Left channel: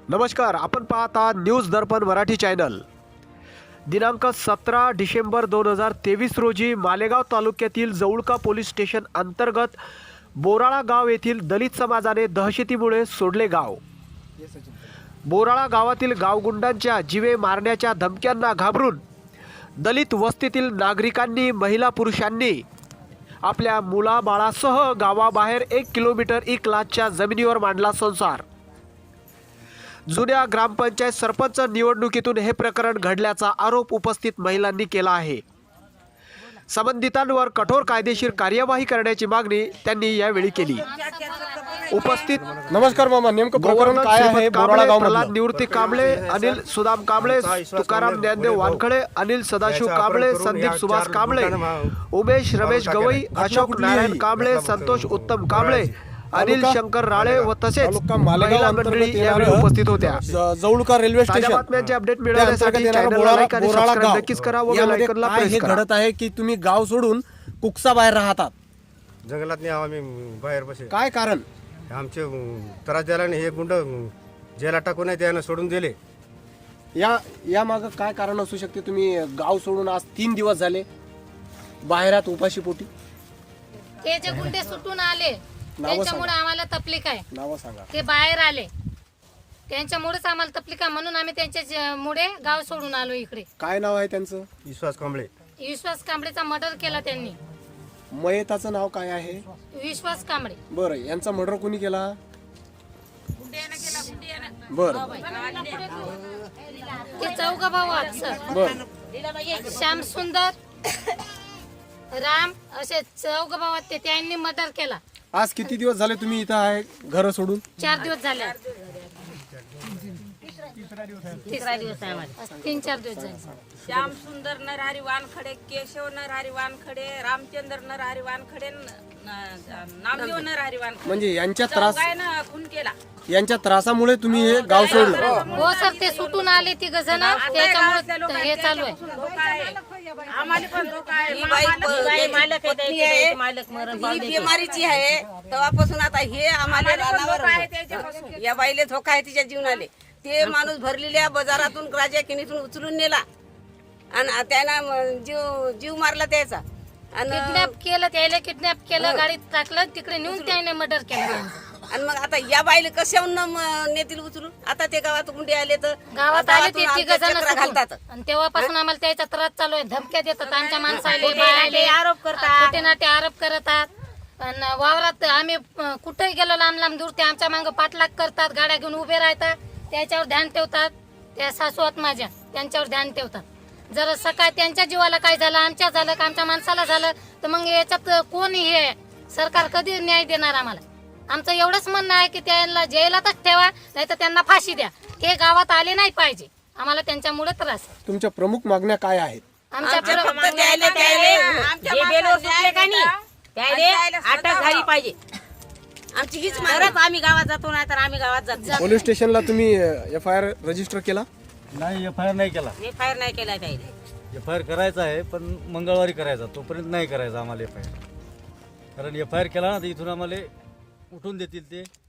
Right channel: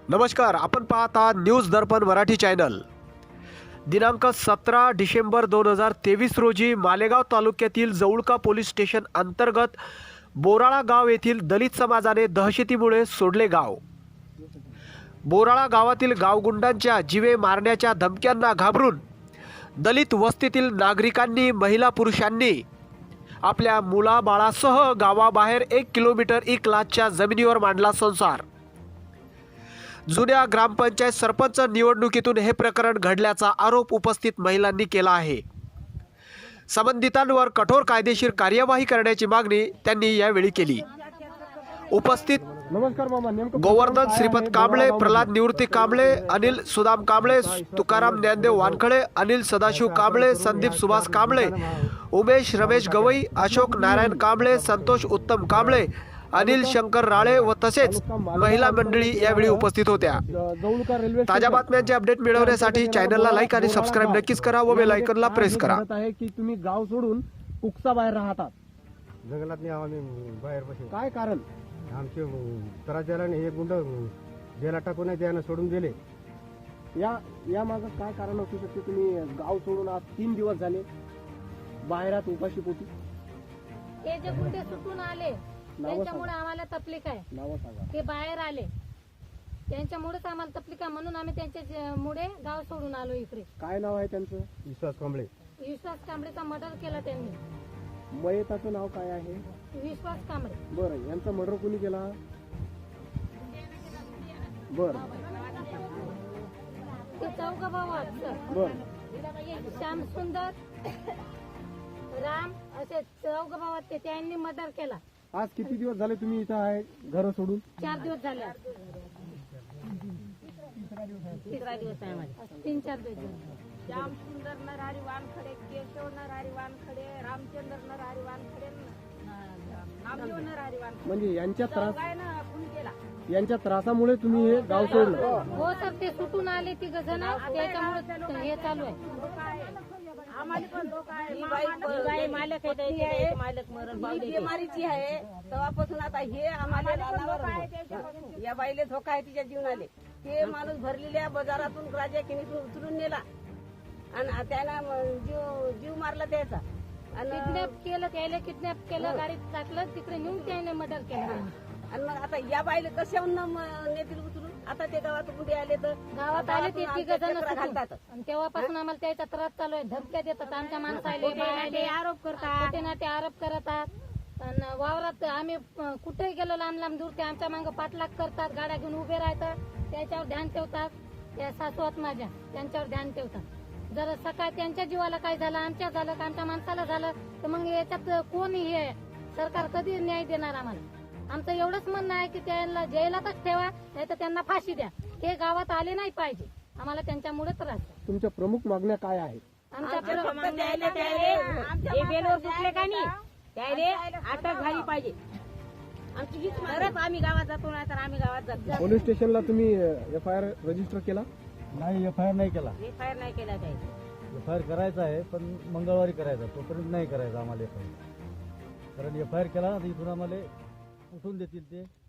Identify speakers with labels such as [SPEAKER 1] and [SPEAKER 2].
[SPEAKER 1] नमस्कार, आपण पाहता न्यूज दर्पण मराठी चॅनल। दिनांक 17 डिसेंबर 2023 रोजी मालेगाव तालुक्यातील जवळका पोलीस स्टेशन अंतर्गत बोराळा गाव येथील दलित समाजाने दहशतीमुळे सोडले गाव। बोराळा गावातील गावगुंडांच्या जीवे मारण्याच्या धमक्यांना घाबरून दलित वस्तीतील नागरिकांनी महिला पुरुषांनी आपल्या मुलाबाळासह गावाबाहेर 1 किलोमीटर इकलाच्या जमिनीवर मांडला संसार। जुन्या ग्रामपंचायत सरपंच निवडणुकीतून हे प्रकरण घडल्याचा आरोप उपस्थित महिलांनी केला आहे। संबंधितांवर कठोर कायदेशीर कार्यवाही करण्याची मागणी त्यांनी यावेळी केली। उपस्थित
[SPEAKER 2] नमस्कार मामा, नेमकं
[SPEAKER 1] गोवर्धन श्रीपत कांबळे, प्रल्हाद निवृत्ती कांबळे, अनिल सुदाम कांबळे, तुकाराम ज्ञानदेव वानखडे, अनिल सदाशिव कांबळे, संदीप सुभाष कांबळे, उमेश रमेश गवई, अशोक नारायण कांबळे, संतोष उत्तम कांबळे, अनिल शंकर राळे व तसेच महिला मंडळी यावेळी उपस्थित होत्या।
[SPEAKER 2] जवळका रेल्वे
[SPEAKER 1] ताज्या बातम्यांचे अपडेट मिळवण्यासाठी चॅनलला लाईक आणि सबस्क्राइब नक्कीच करा व बेल आयकॉनला प्रेस करा।
[SPEAKER 2] घडत आहे की तुम्ही गाव सोडून कुकसा बाहेर राहतात,
[SPEAKER 3] जंगलात नाही आम्ही बाहेर बसे।
[SPEAKER 2] काय कारण?
[SPEAKER 3] आमचे त्रास द्यायला नाही, हे गुंड जेला टाकून आहे त्यानं सोडून दिले।
[SPEAKER 2] या माग काय कारण असू शकते? तुम्ही गाव सोडून आज 3 दिवस झाले बाहेरात उपाशी पोटी।
[SPEAKER 4] ते जे गुंडे सुटून आले त्यांच्यामुळे आम्हाला तकलीफ आहे।
[SPEAKER 2] नाव सांगा।
[SPEAKER 4] ते बाहेर आले त्यांच्यामुळेच आम्हाला तकलीफ आहे, म्हणून आम्ही त्यांच्यामुळे गाव सोडून आलो इकडे।
[SPEAKER 2] काय नाव आहे त्यांचं?
[SPEAKER 3] विश्वास कांबळे।
[SPEAKER 4] विश्वास कांबळेचा मर्डर केला त्यांनी।
[SPEAKER 2] मयताचं नाव काय आहे?
[SPEAKER 4] विश्वास कांबळे।
[SPEAKER 2] बरं, यांचा मर्डर कोणी केला? बरं
[SPEAKER 4] ते चौघ भाऊ आहेत सर।
[SPEAKER 2] बरं,
[SPEAKER 4] श्याम सुंदर, राम असे चौघ भाऊ आहेत, त्यांनी मर्डर केला।
[SPEAKER 2] आज किती दिवस झाले तुम्ही इथं आहे घर सोडून?
[SPEAKER 4] 4 दिवस झाले। 3-4 दिवस झाले।
[SPEAKER 5] श्याम सुंदर नरहरी वानखडे, केशव नरहरी वानखडे, रामचंद्र नरहरी वानखडे, नामदेव नरहरी वानखडे
[SPEAKER 2] म्हणजे यांच्या
[SPEAKER 5] खून केला।
[SPEAKER 2] यांच्या त्रासामुळे तुम्ही हे गाव सोडलं?
[SPEAKER 4] हो सर, ते सुटून आले 3 जण, त्याच्यामुळे हे चालू आहे।
[SPEAKER 5] आम्हाला पण धोका आहे। ही बिमारीची आहे तेव्हापासून आता हे आम्हाला रानावर या बाईले धोका आहे तिच्या जीवनाले। ते माणूस भरलेल्या बाजारातून राजा किनीतून उचलून नेला आणि त्यानं जीव मारला त्याचा।
[SPEAKER 4] किडनॅप केलं, त्याला किडनॅप केलं, गाडीत टाकलं, तिकडे नेऊन त्याने मर्डर केलं।
[SPEAKER 5] आणि मग आता या बाईले कशाहून नेतील उचलून? आता ते गावात गुंडे आले तर
[SPEAKER 4] गावात आले ते 3 जण
[SPEAKER 5] घालतात
[SPEAKER 4] आणि तेव्हापासून आम्हाला त्याचा त्रास चालू आहे। धमक्या देतात आमच्या माणसाला, आरोप करतात, खोटे नाटे आरोप करतात। आणि वावरात आम्ही कुठेही गेलो लांब लांब दूर, ते आमच्या मागं पाठलाग करतात, गाड्या घेऊन उभे राहतात, त्याच्यावर ध्यान ठेवतात। त्या सासू आहेत माझ्या, त्यांच्यावर ध्यान ठेवतात। जर सकाळ त्यांच्या जीवाला काय झालं, आमच्या झालं का आमच्या माणसाला झालं तर मग याच्यात कोण हे सरकार कधी न्याय देणार आम्हाला? आमचं एवढंच म्हणणं आहे की त्यांना जेलातच ठेवा, नाही तर त्यांना फाशी द्या। हे गावात आले नाही पाहिजे, आम्हाला त्यांच्यामुळे त्रास आहे।
[SPEAKER 2] तुमच्या प्रमुख मागण्या काय आहेत?
[SPEAKER 4] आमच्या
[SPEAKER 5] अटक झाली पाहिजे आमची हीच तरच आम्ही गावात जातो, नाही तर आम्ही गावात जातो।
[SPEAKER 2] पोलीस स्टेशनला तुम्ही FIR रजिस्टर केला?
[SPEAKER 6] नाही, FIR नाही केला।
[SPEAKER 5] FIR नाही केला त्याने।
[SPEAKER 6] FIR करायचा आहे पण मंगळवारी करायचा, तोपर्यंत नाही करायचा आम्हाला FIR। कारण FIR केला ना तर इथून आम्हाला उठून देतील ते।